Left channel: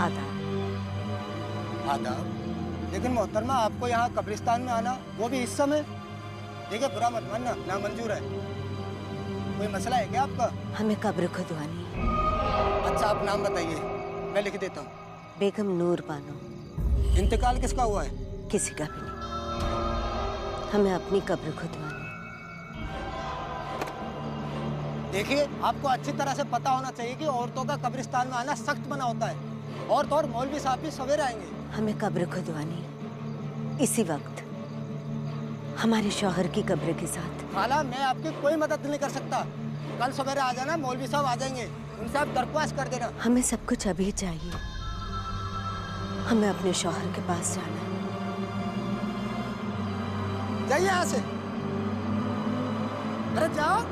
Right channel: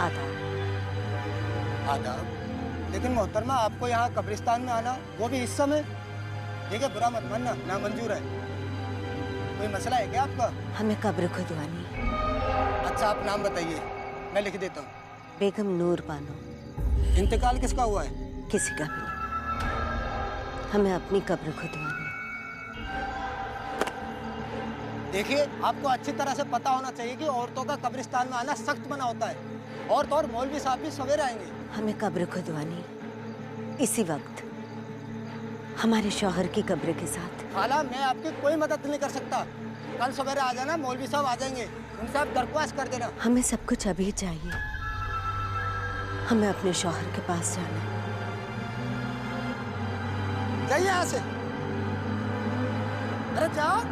आदाब। आदाब। लेकिन मोहतरमा, आपको यहाँ कब्रिस्तान में आना, वो भी इस समय? देखिए, बुरा मत मानना, नामंजूर है। कोई मसला है क्या आपका? हमें कब्र खुदवानी है। अच्छा, आप नाम बताइए, मैं लिख देता हूँ। बेगम नूर बानो। इंतकाल किसका हुआ है? किसी का भी नहीं। हमें अपनी कब्र खुदवानी है। देखिए, आपको अच्छी तरह से पता होना चाहिए कि औरतों का कब्रिस्तान में आना सख्त मना होता है। औरत और मौलवी साहब भी सवेरे आएंगे। हमें कब्र खुदवानी इसी वक्त, हमारे शौहर की कब्र के साथ। खाला, मैं आपकी कोई मदद नहीं कर सकता। कल सवेरे आ जाना, मौलवी साहब आ जाएंगे, उनसे आप दरख्वास्त कर देना। हमें सब कुछ अभी चाहिए। हमें अपने शौहर के पास जाना है। जाइए यहाँ से। अरे जाओ।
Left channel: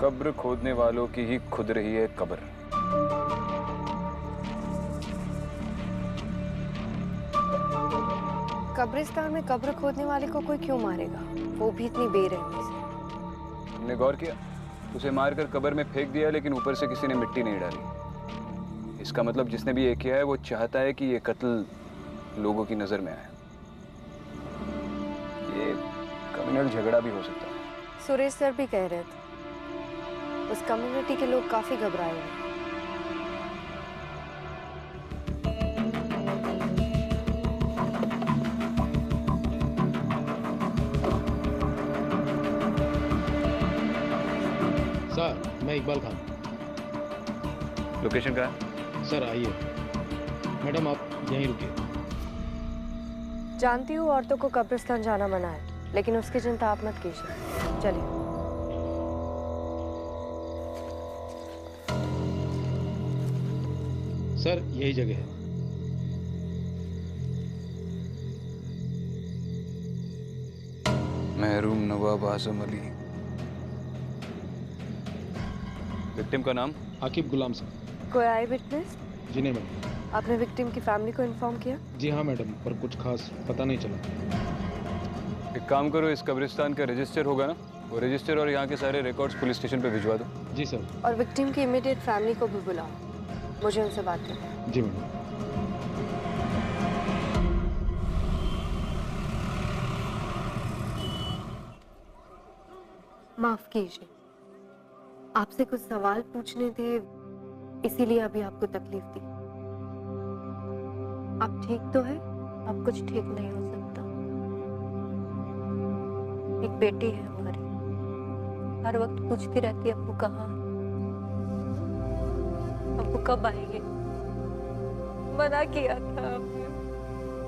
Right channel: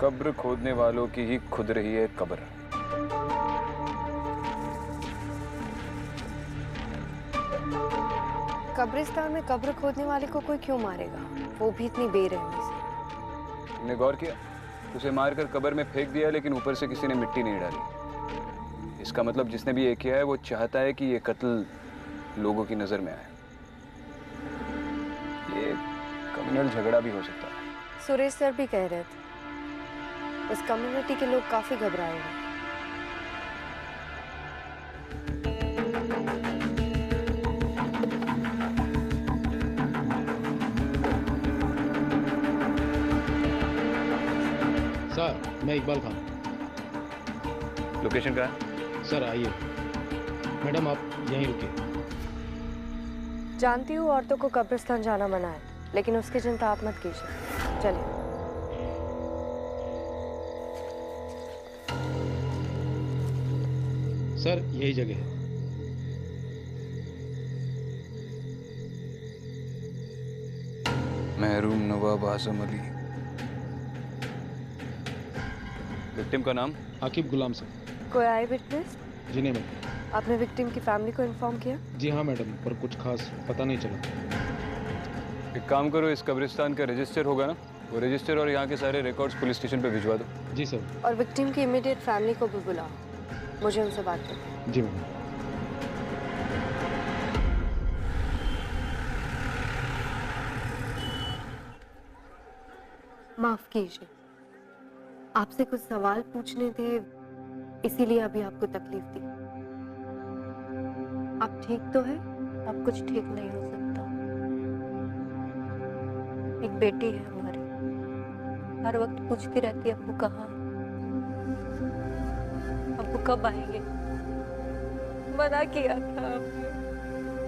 कब्र खोदने वालों की ही खुद रही है कब्र। कब्रिस्तान में कब्र खोदने वाले को कोई क्यों मारेगा, वो भी इतनी बेरहमी से। तुमने गौर किया? उसे मारकर कब्र में फेंक दिया, लेकिन ऊपर से किसी ने मिट्टी नहीं डाली। इसका मतलब जिसने भी ये किया है वो चाहता है कि ये कत्ल लोगों की नजर में आए। ये कम्युनल झगड़ा भी हो सकता है। सुरेश सर भी कह रहे थे उस कम्युनिटी के लोग काफी घबराए हुए। सर, मैं इकबाल खान। लोकेशन कहाँ है? सर आइए। मैडम आप यहीं रुकिए। जानती हूँ औरतों को कब्रिस्तान जाना मना है, लेकिन उसकी चिंता आप मत कीजिए। चलिए। सर यही जगह है। महरूम नवाब आजम अली। विक्टिम का नाम? आकिब गुलाम सर। कोई आई विटनेस? जी नहीं मैडम। आपने विक्टिम की फैमिली को इन्फॉर्म किया? जी हाँ मैडम, पर कुछ खास पता नहीं चला। एक काम करो, इस कब्रिस्तान का रजिस्टर होगा ना, वो रजिस्टर और यहाँ के सारे रिकॉर्ड्स पुलिस स्टेशन पे भिजवा दो। जी सर। और विक्टिम की इमीडिएट फैमिली को भी बुलाओ, मुझे उनसे बात करनी है। जी मैडम। माफ कीजिए, आपसे कुछ सवाल पूछने थे, इसीलिए अभी आपको तकलीफ दी। आप ठीक तो है? अब कुछ ठीक नहीं हो सकता। एक बेटी है हमारी, हर वक्त पूछती रहती है अब्बू कहाँ है, अब्बू कब आएंगे। मना किया था आपने,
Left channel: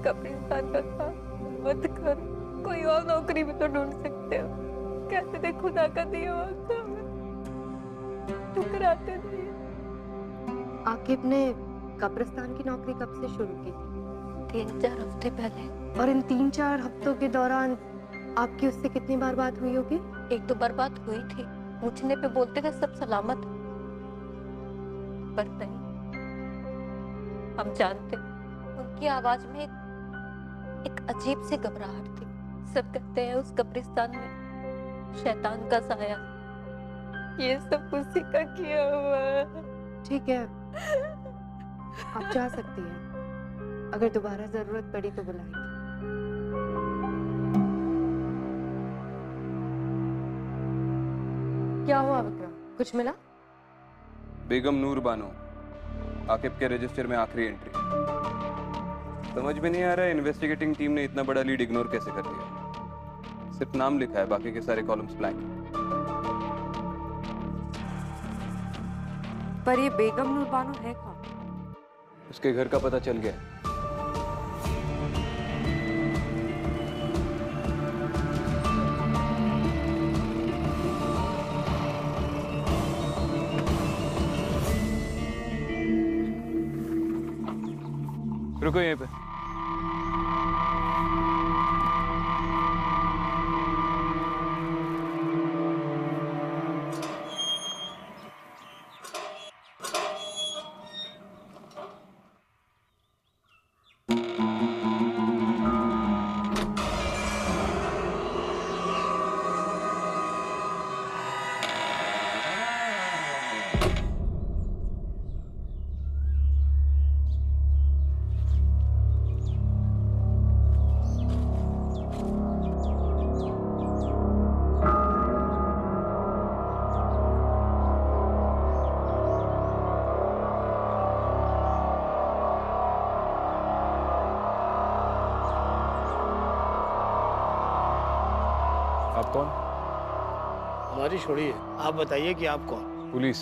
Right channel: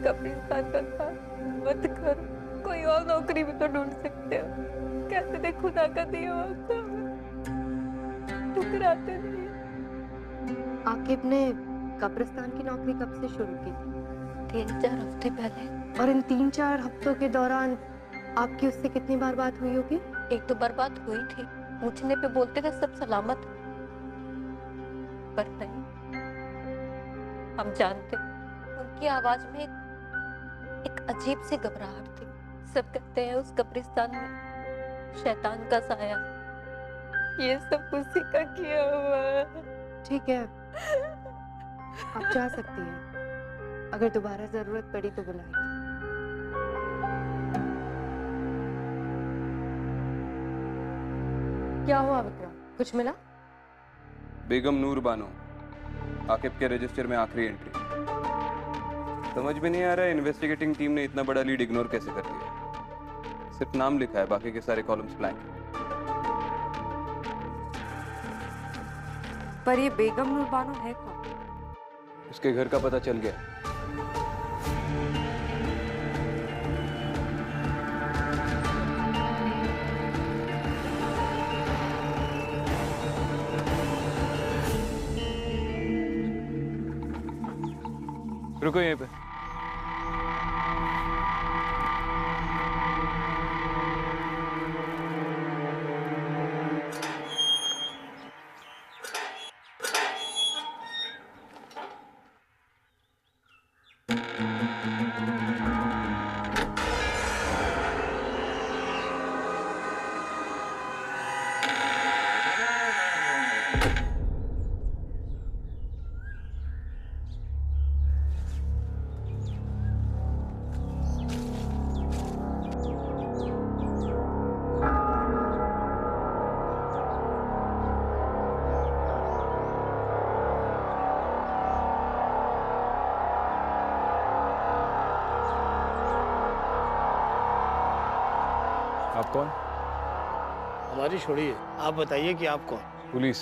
कब्रिस्तान का काम मत करो, कोई और नौकरी भी तो ढूंढ सकते हो। कहते थे खुदा का दिया हुआ काम है, ठुकराते नहीं। आकिब ने कब्रिस्तान की नौकरी कब से शुरू की थी? 3-4 हफ्ते पहले। और इन 3-4 हफ्तों के दौरान आपकी उससे कितनी बार बात हुई होगी? 1-2 बार बात हुई थी, पूछने पे बोलते थे सब सलामत, पर नहीं। हम जानते उनकी आवाज में एक अजीब सी घबराहट थी। सब कहते हैं उस कब्रिस्तान में शैतान का साया, ये सब उसी का किया हुआ है। ठीक है, आप जा सकती हैं। अगर दोबारा जरूरत पड़ी तो बुलाएंगे। क्या हुआ विक्रम, कुछ मिला? बेगम नूर बानो, आकिब के रजिस्टर में आखिरी एंट्री। समझ में नहीं आ रहा है इन्वेस्टिगेटिंग टीम ने इतना बड़ा लीड इग्नोर कैसे कर दिया। सिर्फ नाम लिखा है, बाकी के सारे कॉलम्स ब्लैंक। पर ये बेगम नूर बानो है कौन? उसके घर का पता चल गया है। रुको यहीं पे। आप कौन? हमारी छोड़िए, आप बताइए कि आप कौन? पुलिस।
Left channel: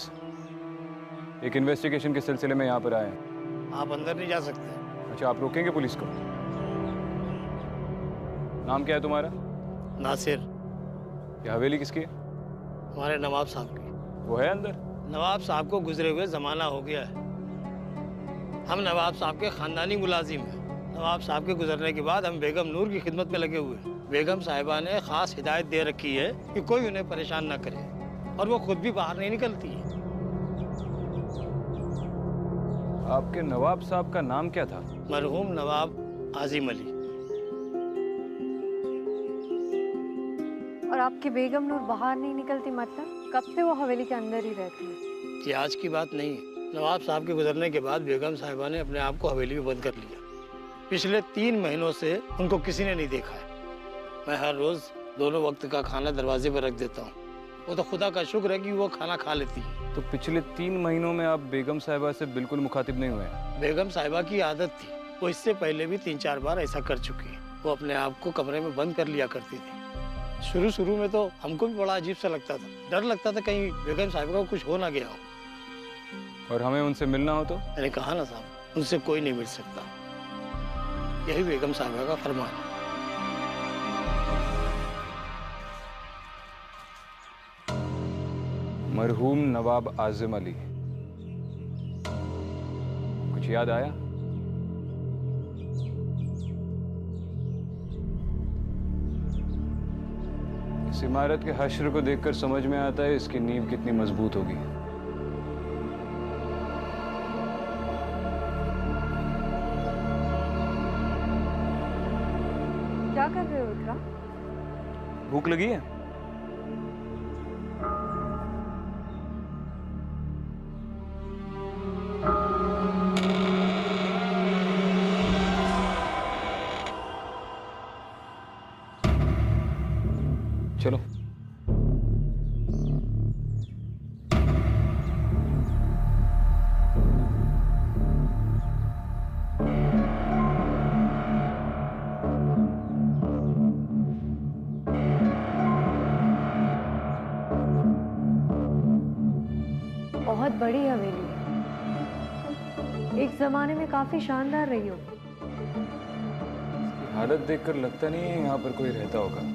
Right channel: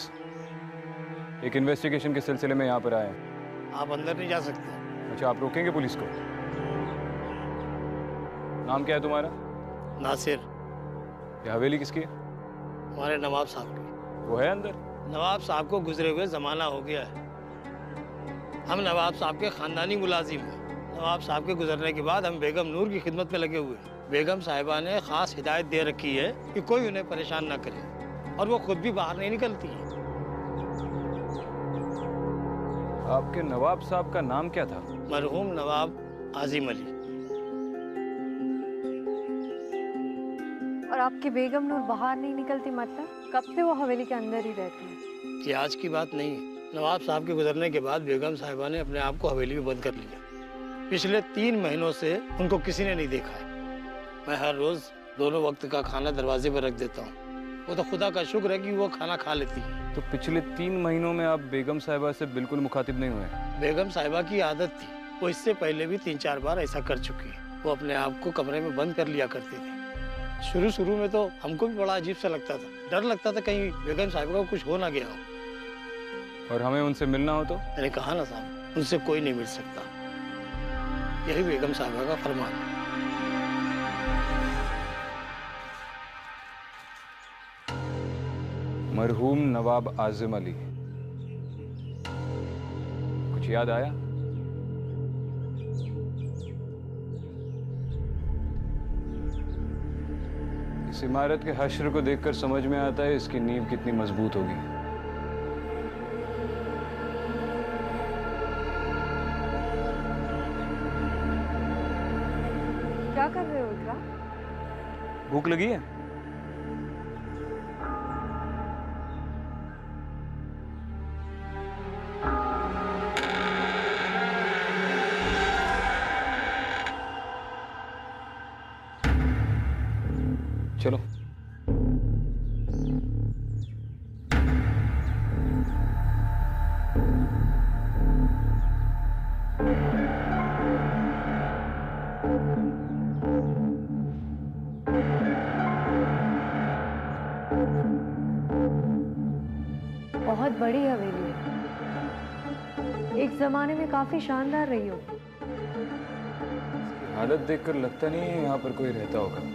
एक इन्वेस्टिगेशन के सिलसिले में यहाँ पर आए हैं। आप अंदर नहीं जा सकते। अच्छा, आप रोकेंगे पुलिस को? नाम क्या है तुम्हारा? नासिर। ये हवेली किसकी है? हमारे नवाब साहब की। वो है अंदर? नवाब साहब को गुजरे हुए ज़माना हो गया है। हम नवाब साहब के ख़ानदानी मुलाजिम हैं। नवाब साहब के गुजरने के बाद हम बेगम नूर की खिदमत में लगे हुए हैं। बेगम साहिबा ने ख़ास हिदायत दे रखी है कि कोई उन्हें परेशान ना करे, और वो खुद भी बाहर नहीं निकलती है। आपके नवाब साहब का नाम क्या था? मरहूम नवाब आजिम अली। और आपकी बेगम नूर बाहर नहीं निकलती, मतलब कब से वो हवेली के अंदर ही रहती है? ये आज की बात नहीं है। नवाब साहब के गुजरने के बाद बेगम साहिबा ने अपने आप को हवेली में बंद कर लिया। पिछले 3 महीनों से उनको किसी ने नहीं देखा है। मैं हर रोज दोनों वक्त का खाना दरवाजे पर रख देता हूँ। वो तो खुदा का शुक्र है कि वो खाना खा लेती है। तो पिछले 3 महीनों में आप बेगम साहिबा से बिल्कुल मुखातिब नहीं हुए? बेगम साहिबा की आदत थी, वो इससे पहले भी 3-4 बार ऐसा कर चुकी है। वो अपने आप को कमरे में बंद कर लिया करती थी। शुरू में तो हमको भी बड़ा अजीब सा लगता था, डर लगता था कहीं बेगम साहिबा को कुछ हो ना गया हो। और हमें उनसे मिलना हो तो? मैंने कहा ना साहब, उनसे कोई नहीं मिल सकता। यही बेगम साहिबा का फरमान है। मरहूम नवाब आजिम अली, कुछ याद आया? इस इमारत के हश्र को देखकर समझ में आता है इसकी नींव कितनी मजबूत होगी। क्या कर रहे हो विक्रम? भूख लगी है? चलो। बहुत बड़ी हवेली है, एक जमाने में काफी शानदार रही होगी। इसकी हालत देखकर लगता नहीं है यहाँ पर कोई रहता होगा।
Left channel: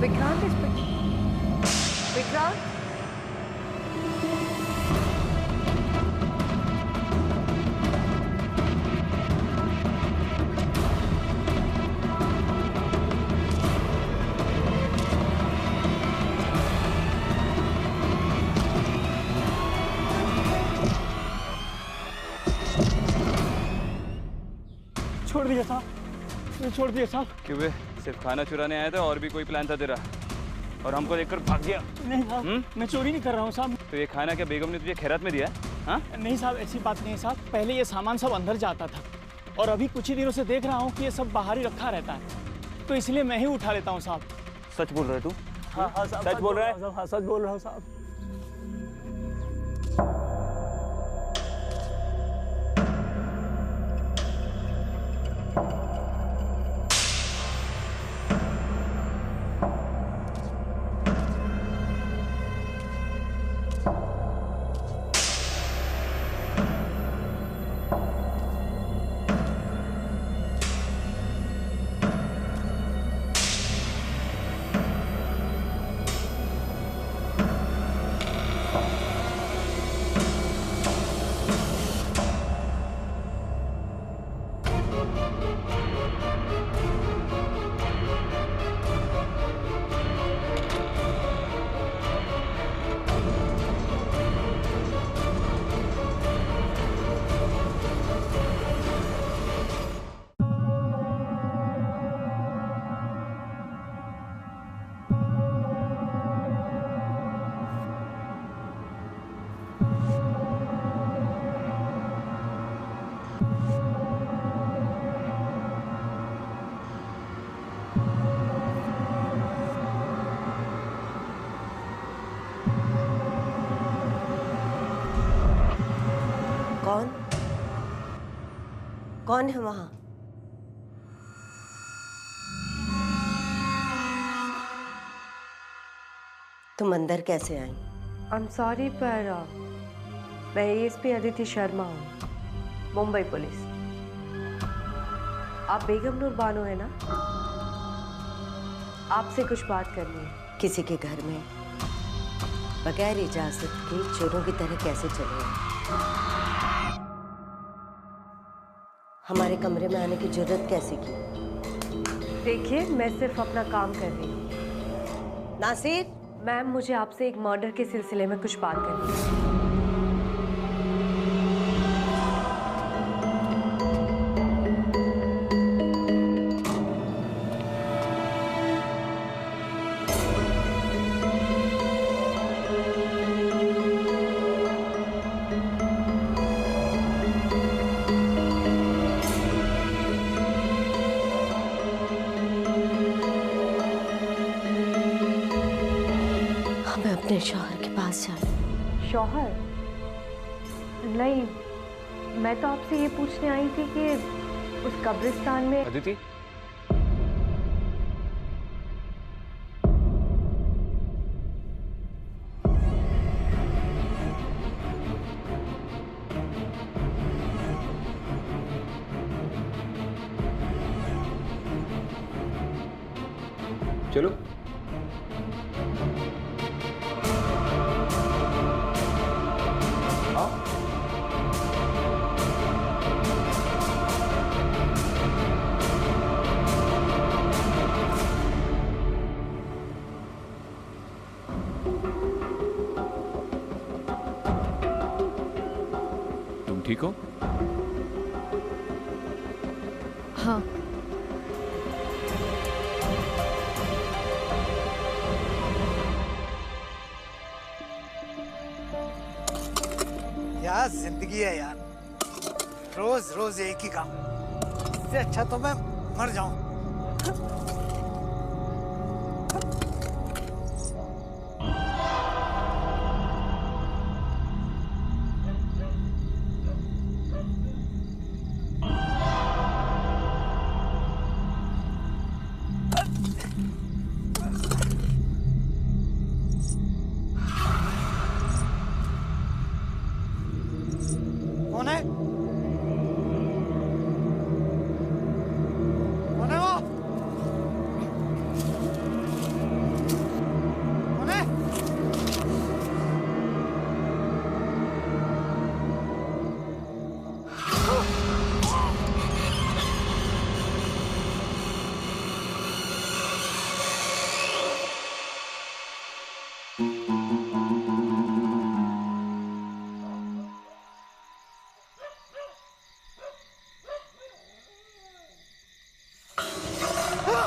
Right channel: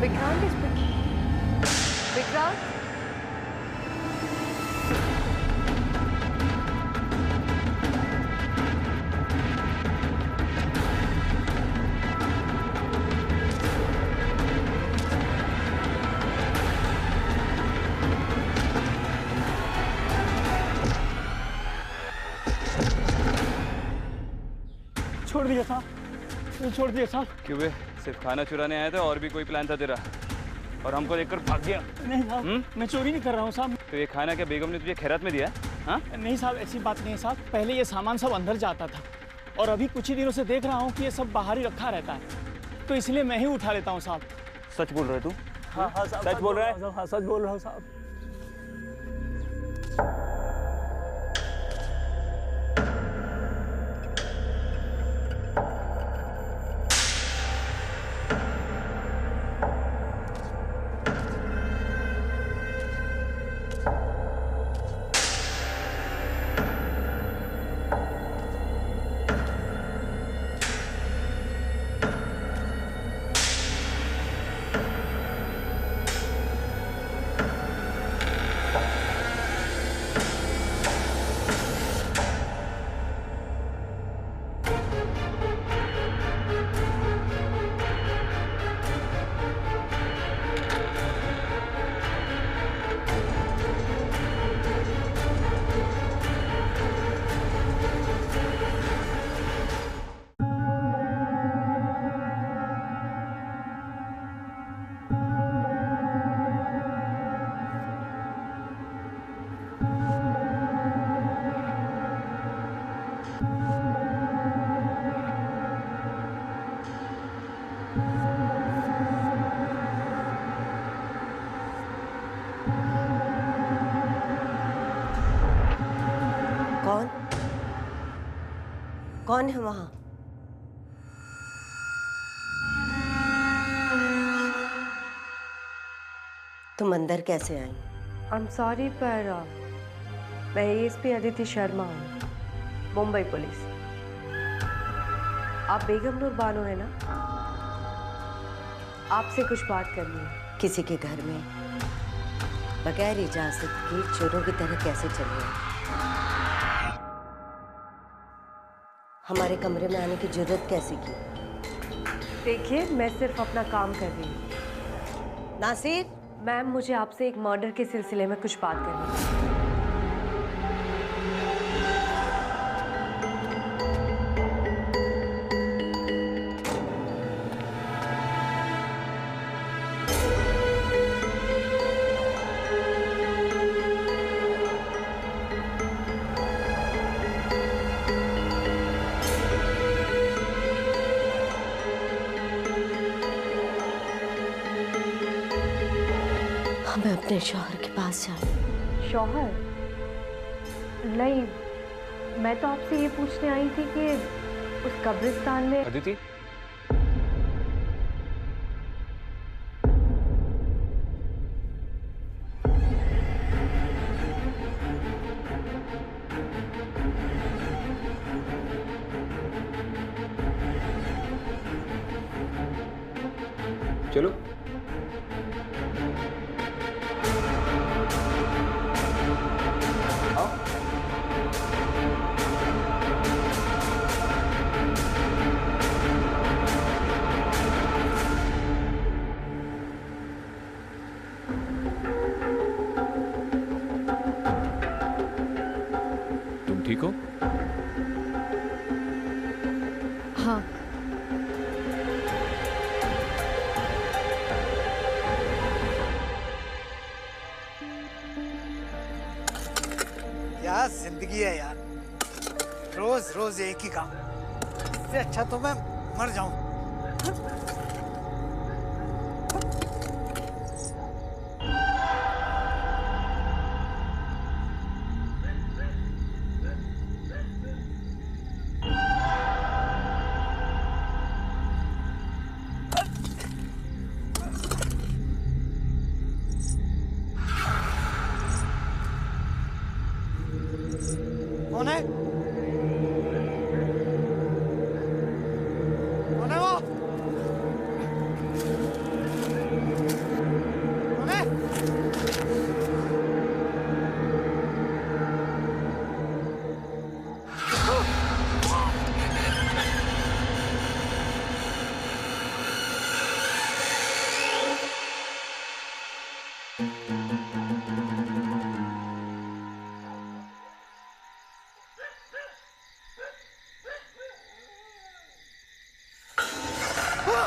विक्रांत इस पे विक्रांत, छोड़ दिया साहब, मुझे छोड़ दिया साहब। क्यों बे, सिर्फ खाना चुराने आया था और भी कोई प्लान था तेरा? और हमको देखकर भाग गया? नहीं साहब, मैं चोरी नहीं कर रहा हूँ साहब। तो ये खाना क्या बेगम ने तुझे खैरात में दिया? हाँ? नहीं साहब, ऐसी बात नहीं है साहब। पहले ये सामान सब अंदर जाता था और अभी कुछ ही दिनों से देख रहा हूँ कि ये सब बाहर ही रखा रहता है, तो इसलिए मैं ही उठा लेता हूँ साहब। सच बोल रहे तू? हाँ हाँ साहब, सच बोल रहा है? हाँ सच बोल रहा हूँ साहब। कौन कौन है वहां? तुम अंदर कैसे आई? आई एम सॉरी पर मैं एएसपी अदिति शर्मा हूँ, मुंबई पुलिस। आप बेगम नूर बानो है ना? आपसे कुछ बात करनी है। किसी के घर में बगैर इजाजत के चोरों की तरह कैसे चले आए? हमारे कमरे में आने की जरूरत कैसे की? देखिए, मैं सिर्फ अपना काम कर रही हूँ। नासिर, मैम, मुझे आपसे एक मर्डर के सिलसिले में कुछ बात करनी है। मैं अपने शौहर के पास जाऊँ। शौहर? नहीं, मैं तो आपसे ये पूछने आई थी कि उस कब्रिस्तान में अदिति, चलो। आओ। तुम ठीक हो? हाँ। क्या जिंदगी है यार, रोज रोज एक ही काम। इससे अच्छा तो मैं मर जाऊं। कौन है? कौन है वो?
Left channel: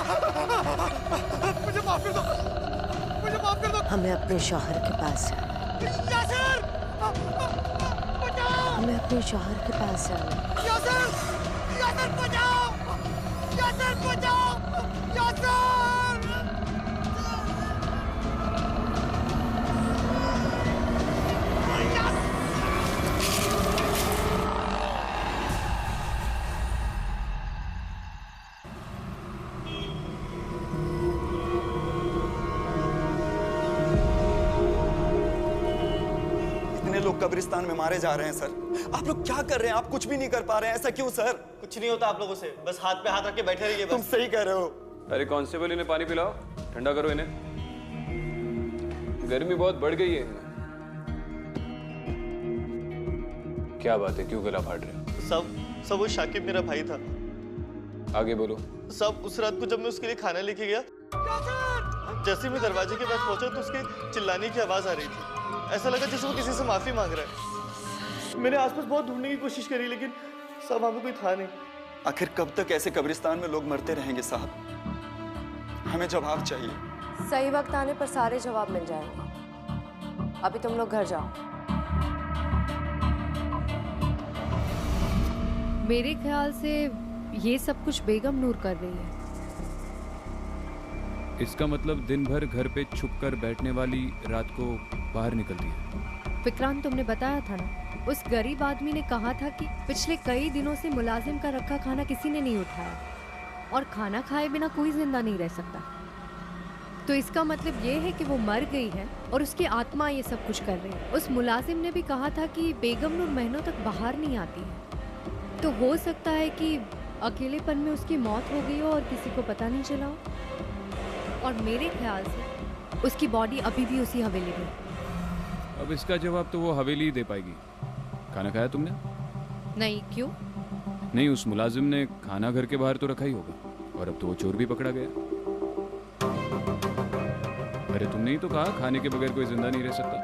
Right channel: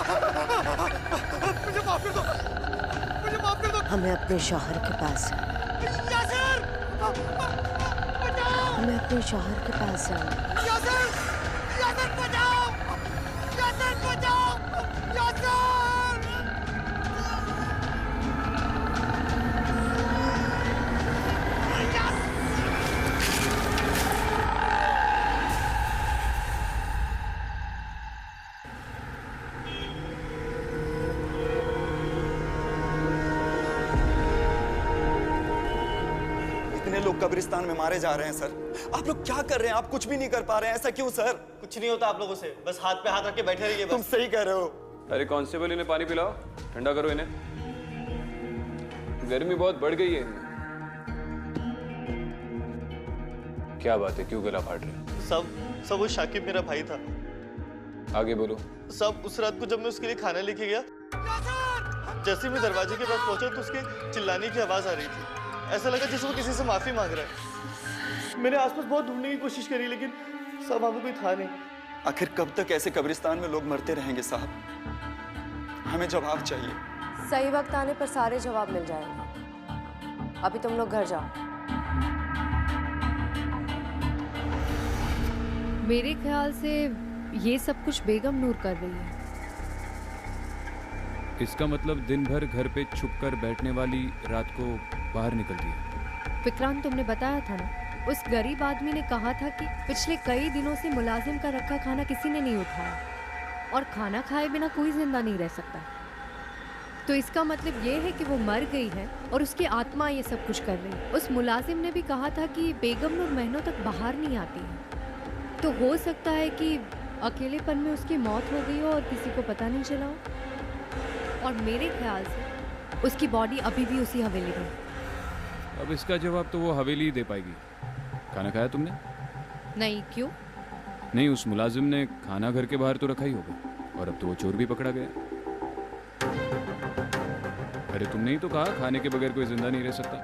मुझे माफ कर दो, मुझे माफ कर दो। हमें अपने शौहर के पास जाना है। यासिर, बचाओ। हमें अपने शौहर के पास जाना है। यासिर, यासिर बचाओ, यासिर बचाओ, यासिर। इतने लोग कब्रिस्तान में मारे जा रहे हैं सर। आप लोग क्या कर रहे हैं? आप कुछ भी नहीं कर पा रहे हैं। ऐसा क्यों सर? कुछ नहीं होता आप लोगों से, बस हाथ पे हाथ रख के बैठे रहिए तुम बस। सही कह रहे हो। अरे कांस्टेबल, इन्हें पानी पिलाओ, ठंडा करो इन्हें। गर्मी बहुत बढ़ गई है इनमें। क्या बात है, क्यों गला फाड़ रहे हो? सब वो शाकिब मेरा भाई था। आगे बोलो। सब उस रात को जब मैं उसके लिए खाना लेके गया, जैसे ही मैं दरवाजे के पास पहुंचा तो उसके चिल्लाने की आवाज आ रही थी। ऐसा लगा जैसे वो किसी से माफी मांग रहा है। मैंने आसपास बहुत ढूंढने की कोशिश करी लेकिन सब वहां पे कोई था नहीं। आखिर कब तक ऐसे कब्रिस्तान में लोग मरते रहेंगे साहब? हमें जवाब चाहिए। सही वक्त आने पर सारे जवाब मिल जाएंगे। अभी तुम लोग घर जाओ। मेरे ख्याल से ये सब कुछ बेगम नूर कर रही है। इसका मतलब दिन भर घर पे छुपकर बैठने वाली रात को बाहर निकलती है। विक्रांत, तुमने बताया था ना, उस गरीब आदमी ने कहा था कि पिछले कई दिनों से मुलाजिम का रखा खाना किसी ने नहीं उठाया और खाना खाए बिना कोई जिंदा नहीं रह सकता। तो इसका मतलब ये है कि वो मर गई है और उसकी आत्मा ये सब कुछ कर रही है। उस मुलाजिम ने भी कहा था कि बेगम नूर महीनों तक बाहर नहीं आती है, तो हो सकता है कि अकेलेपन में उसकी मौत हो गई हो और किसी को पता नहीं चला हो। और मेरे ख्याल से उसकी बॉडी अभी भी उसी हवेली में। अब इसका जवाब तो वो हवेली ही दे पाएगी। खाना खाया तुमने? नहीं, क्यों? नहीं, उस मुलाजिम ने खाना घर के बाहर तो रखा ही होगा और अब तो वो चोर भी पकड़ा गया। अरे तुमने ही तो कहा खाने के बगैर कोई जिंदा नहीं रह सकता।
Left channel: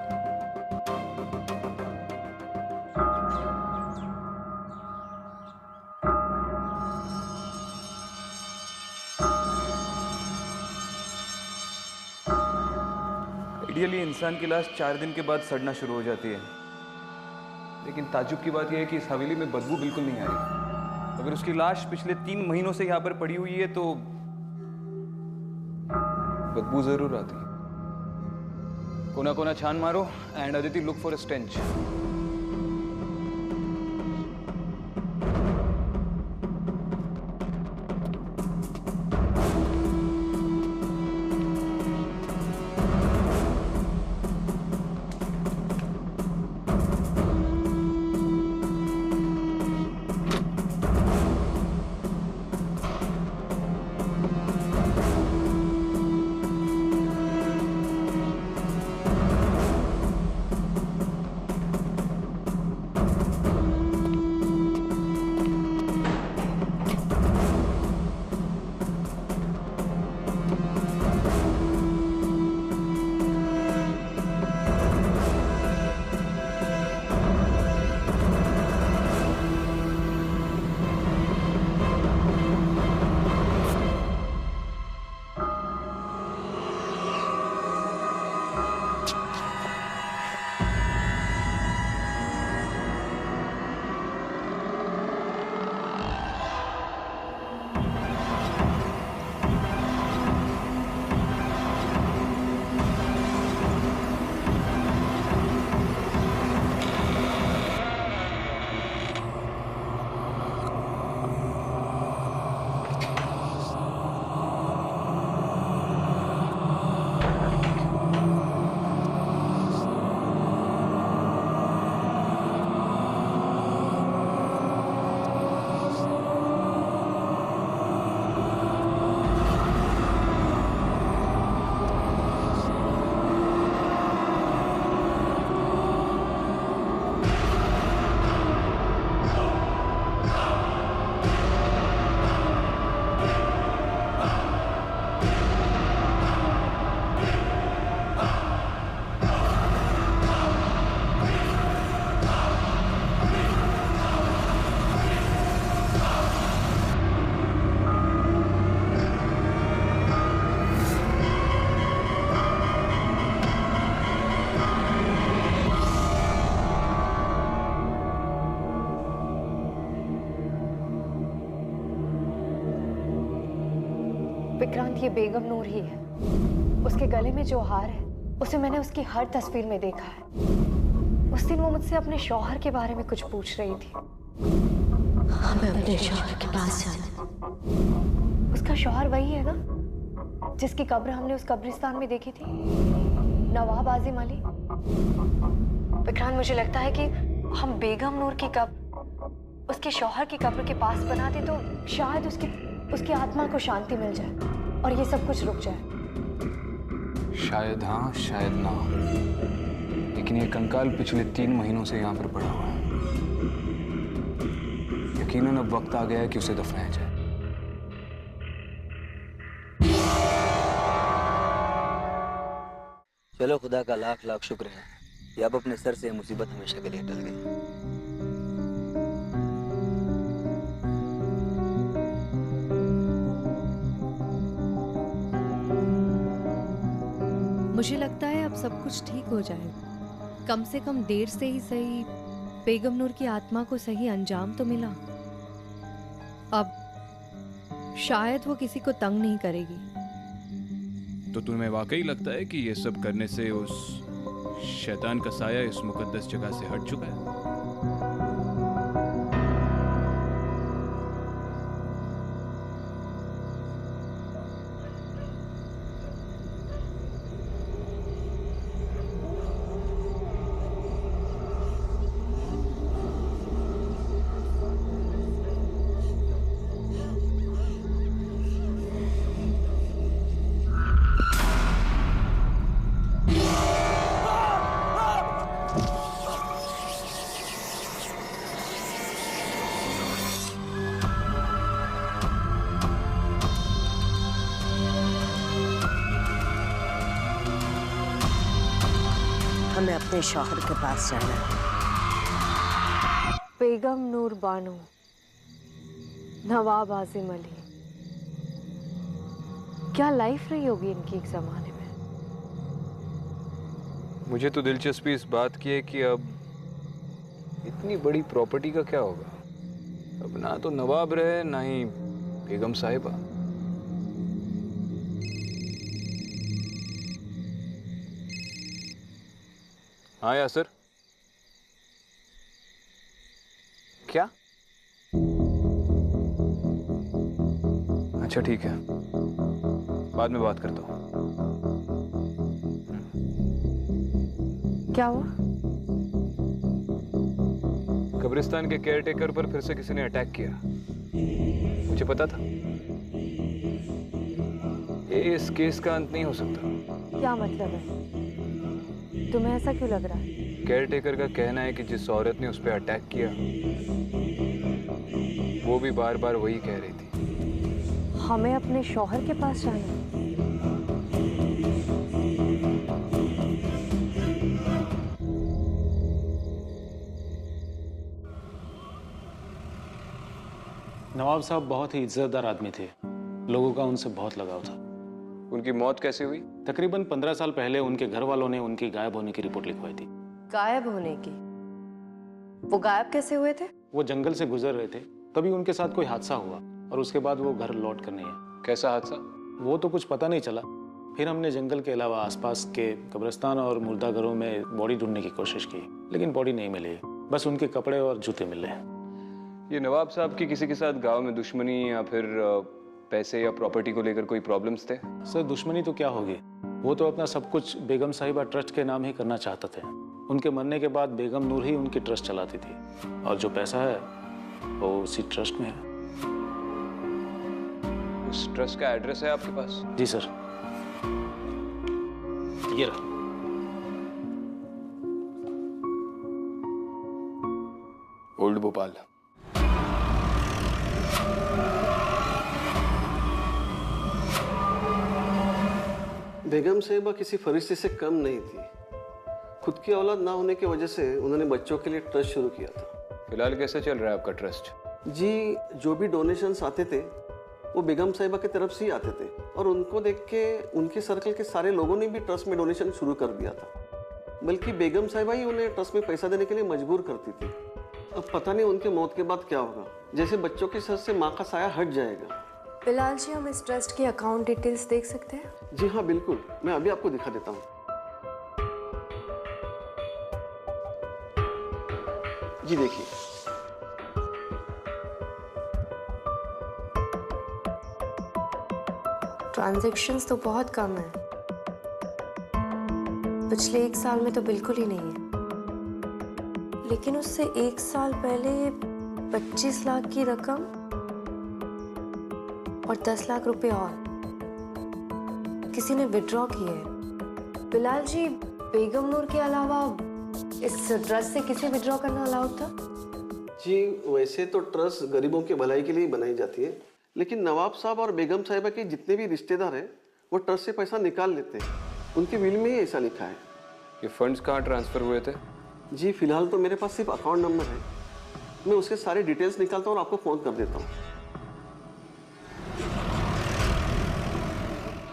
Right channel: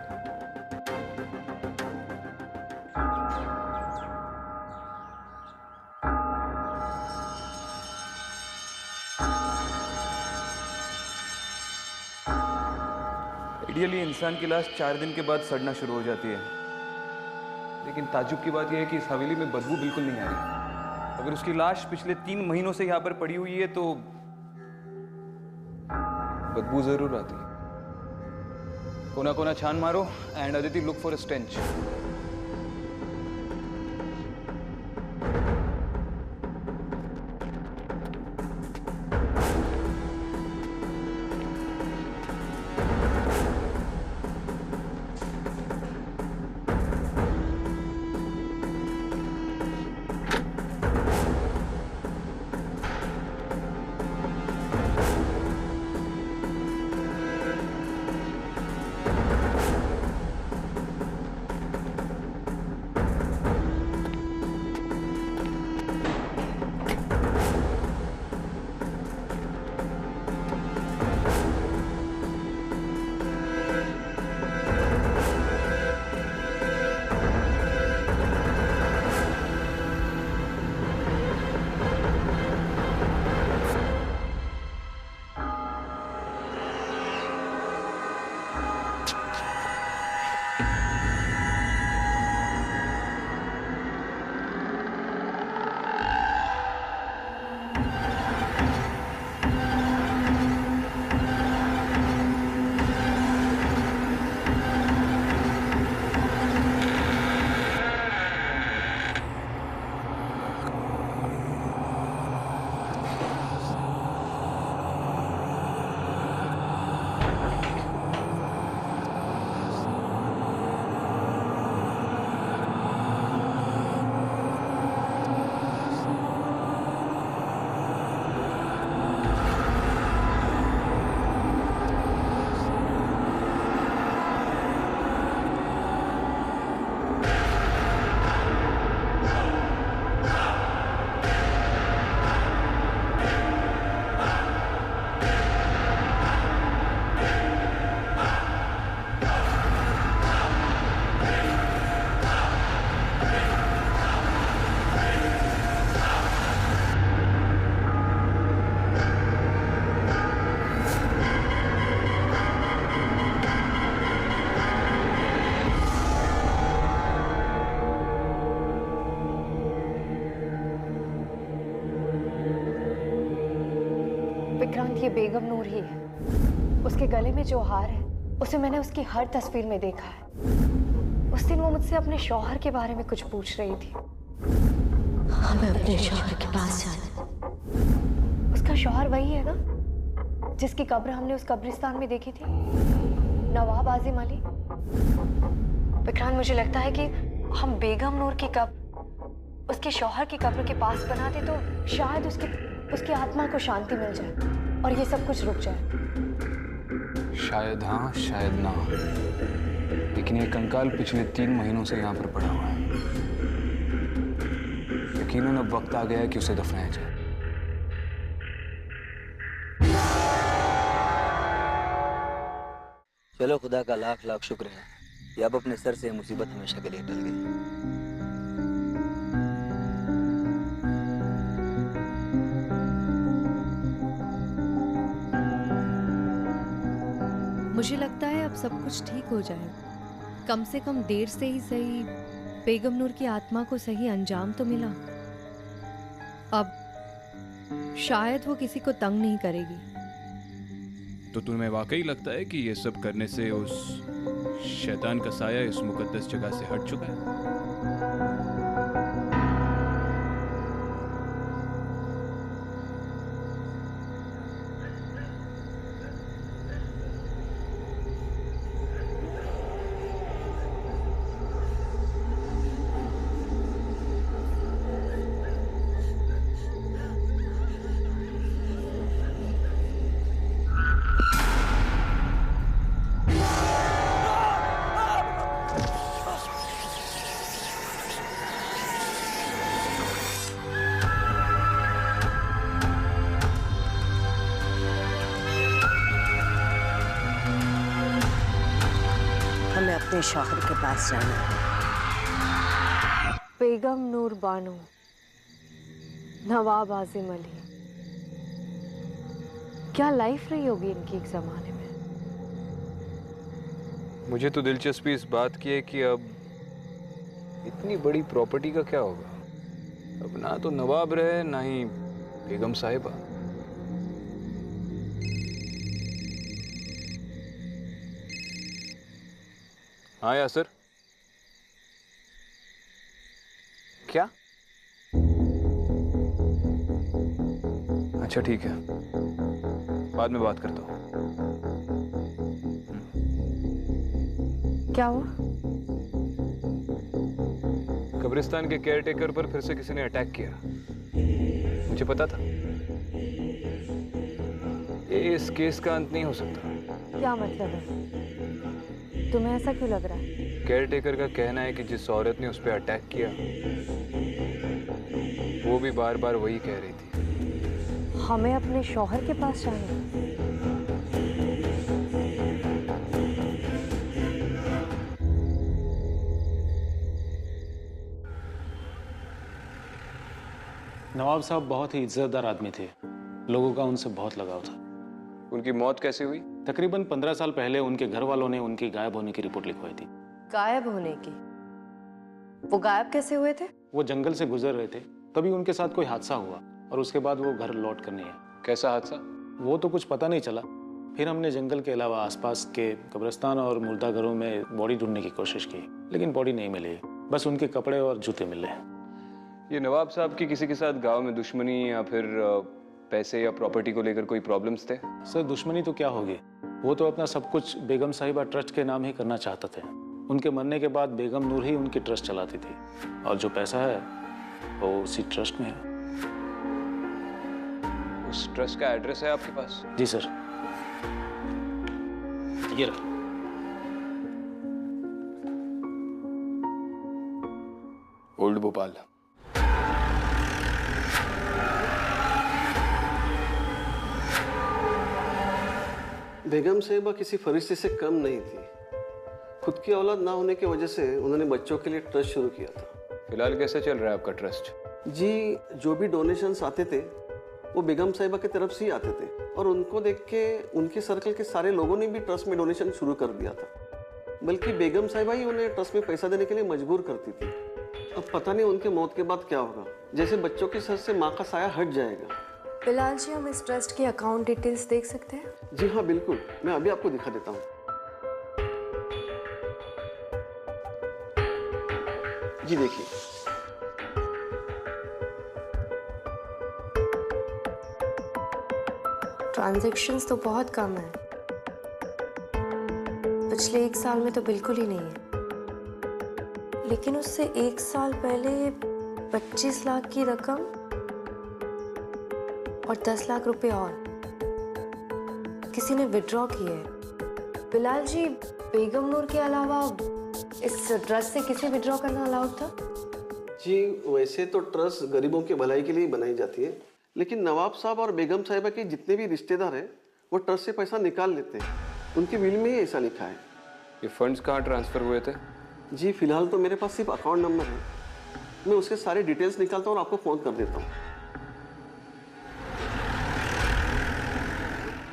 आइडियली इंसान की लाश 4 दिन के बाद सड़ना शुरू हो जाती है, लेकिन ताज्जुब की बात यह है कि इस हवेली में बदबू बिल्कुल नहीं आ रही। अगर उसकी लाश पिछले 3 महीनों से यहाँ पर पड़ी हुई है तो बदबू जरूर आती। कोना कोना छान मारो and Aditi look for a stench. Vikrant, ये बेगम नूर ही है। उसके गले में जो हार है उसे मैंने उसकी हर तस्वीर में देखा है। उस दिन वो मुझसे अपने शौहर के बारे में कुछ पूछ रही थी। हमें अपने शौहर के पास जाना। उसका शौहर वही है ना जिसकी कब्र हमने उस कब्रिस्तान में देखी थी, नवाब आजिम अली। विक्रांत, मुझे लगता है कि हम बेगम नूर की कब्र उसके शौहर की कब्र के पास बना दे तो शायद उसकी आत्मा को शांति मिल जाए और ये सब कुछ रुक जाए। शायद हाँ, शायद ना, लेकिन ये कंकाल पिछले 3 महीनों से यहाँ पर पड़ा हुआ है। यकीनन अब वक्त आ गया है कि उसे दफनाया जाए। चलो, खुदा का लाख लाख शुक्र है कि अब अपने सर से मुसीबत हमेशा के लिए टल गई। मुझे लगता है अब सब कुछ ठीक हो जाएगा। कम से कम देर से ही सही बेगम नूर की आत्मा को सही अंजाम तो मिला। अब शायद वो किसी को तंग नहीं करेगी। तो तुम्हें वाकई लगता है कि ये सब करने से उस शैतान का साया इस मुकद्दस जगह से हट चुका है? हमें अपने शौहर के पास जाना है। बेगम नूर बानो, नवाब आजिम अली, क्या लाइफ रही होगी इनकी एक जमाने में। मुझे तो दिलचस्पी इस बात की है कि अब इतनी बड़ी प्रॉपर्टी का क्या होगा। अब ना तो नवाब रहे ना ही बेगम साहिबा। हाँ यासर, क्या? अच्छा ठीक है, बाद में बात करता हूँ। क्या हुआ? कब्रिस्तान के केयरटेकर पर फिर से किसी ने अटैक किया। मुझे पता था ये इस केस का अंत नहीं हो सकता। क्या मतलब है? तुम्हें ऐसा क्यों लग रहा है? केयरटेकर का कहना है कि जिस औरत ने उस पर अटैक किया वो भी बार बार वही कह रही थी। हमें अपने शौहर के पास जाना है। नवाब साहब बहुत ही इज्जतदार आदमी थे। लोगों का उनसे बहुत लगाव था। उनकी मौत कैसे हुई? तकरीबन 15 साल पहले उनके घर वालों ने उनकी गायब होने की रिपोर्ट लिखवाई थी। गायब होने की? वो गायब कैसे हुए थे? वो जंगल से गुजर रहे थे, तभी उनके साथ कोई हादसा हुआ और उसके बाद वो घर लौट कर नहीं आए। कैसा हादसा? वो तो कुछ पता नहीं चला। फिर हमने जंगल के अलावा आसपास के कब्रिस्तान और मुर्दा घरों में बॉडी ढूंढने की कोशिश की, लेकिन बॉडी नहीं मिली। बस उनके कपड़े और जूते मिले। ये नवाब साहब की किसी के साथ गांव में दुश्मनी या फिर पैसे या प्रॉपर्टी को लेकर कोई प्रॉब्लम्स थे? सर, दुश्मनी तो क्या होगी, वो तो अपना सब कुछ बेगम साहिबा ट्रस्ट के नाम ही करना चाहते थे। उनके मरने के बाद बेगम नूर ही उनकी ट्रस्ट चलाती थी और जो पैसा है वो उसी ट्रस्ट में है। उस ट्रस्ट का एड्रेस है आपके पास? जी सर, ये रहा। ओल्ड भोपाल। बेगम साहिबा किसी फरिश्ते से कम नहीं थी। खुद की औलाद ना होने की वजह से उन्होंने बच्चों के लिए ट्रस्ट शुरू किया था। फिलहाल कैसे चल रहा है आपका ट्रस्ट? जी, जो भी डोनेशंस आते थे वो बेगम साहिबा की तरफ से ही आते थे और उनको देख के उनके सर्कल के सारे लोगों ने भी ट्रस्ट में डोनेशन शुरू कर दिया था। बल्कि बेगम साहिबा ही उन्हें ट्रस्ट में पैसा देने के लिए मजबूर करती थी। अब पता नहीं उनके मौत के बाद क्या होगा। जैसे बच्चों के सर से माँ का साया हट जाएगा, बिलाल जी, हम इस ट्रस्ट की अकाउंट डिटेल्स देख सकते हैं? जी हाँ बिल्कुल, मैं अभी आपको दिखा देता हूँ। जी देखिए, ट्रांजैक्शंस तो बहुत कम है, पिछले 1 साल में तो बिल्कुल ही नहीं है। लेकिन उससे 1 साल पहले 25 लाख की रकम और 10 लाख रुपए और किसी ने विड्रॉ किए हैं। बिलाल जी, बेगम नूर के अलावा इस ट्रस्ट से किसे विड्रॉ करना अलाउड था? जी वैसे तो ट्रस्ट गरीबों की भलाई के लिए बनाई जाती है, लेकिन नवाब साहब और बेगम साहिबा के जितने भी रिश्तेदार हैं वो ट्रस्ट से पैसा निकाल लेते हैं। उनकी विल में ही ऐसा लिखा है। ये फंड्स कहाँ ट्रांसफर हुए थे? जी फिलहाल तो मेरे पास सिर्फ अकाउंट नंबर है, मैं उसके सारे डिटेल्स निकालता हूँ और आपको फ़ोन कर देता हूँ।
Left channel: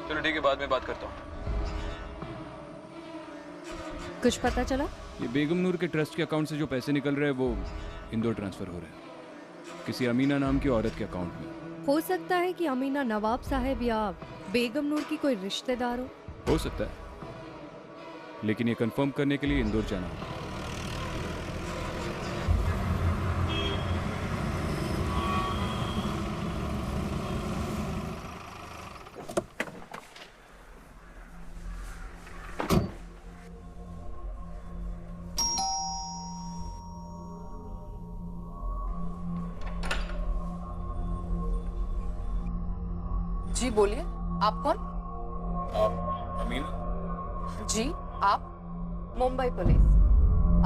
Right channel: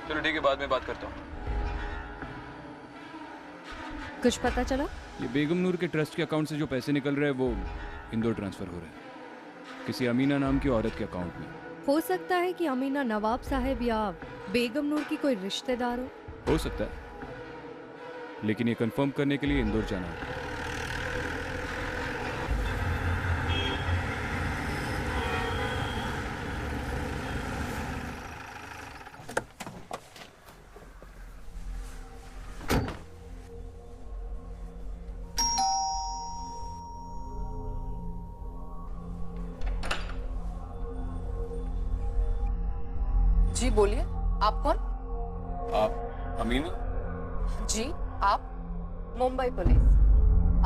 चलो ठीक है, बाद में बात करता हूँ। कुछ पता चला? ये बेगम नूर के ट्रस्ट के अकाउंट से जो पैसे निकल रहे हैं वो इंदौर ट्रांसफर हो रहे हैं किसी अमीना नाम की औरत के अकाउंट में। हो सकता है कि अमीना नवाब साहब या बेगम नूर की कोई रिश्तेदार हो सकता है, लेकिन ये कंफर्म करने के लिए इंदौर जाना होगा। जी बोलिए, आप कौन? आप अमीना? जी आप? मुंबई पुलिस,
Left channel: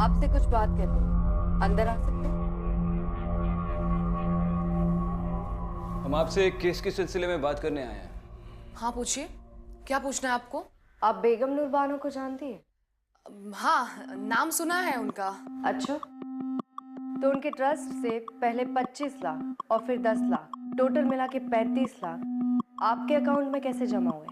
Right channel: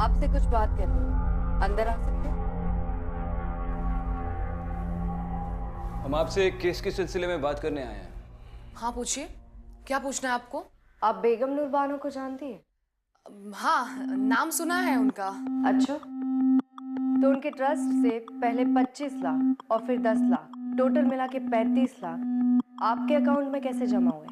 आपसे कुछ बात करनी है, अंदर आ सकते हैं? हम आपसे एक केस के सिलसिले में बात करने आए हैं। हाँ पूछिए, क्या पूछना है आपको? आप बेगम नूर बानो को जानती है? हाँ, नाम सुना है उनका। अच्छा, तो उनके ट्रस्ट से पहले 25 लाख और फिर 10 लाख, टोटल मिला के 35 लाख आपके अकाउंट में कैसे जमा हुए?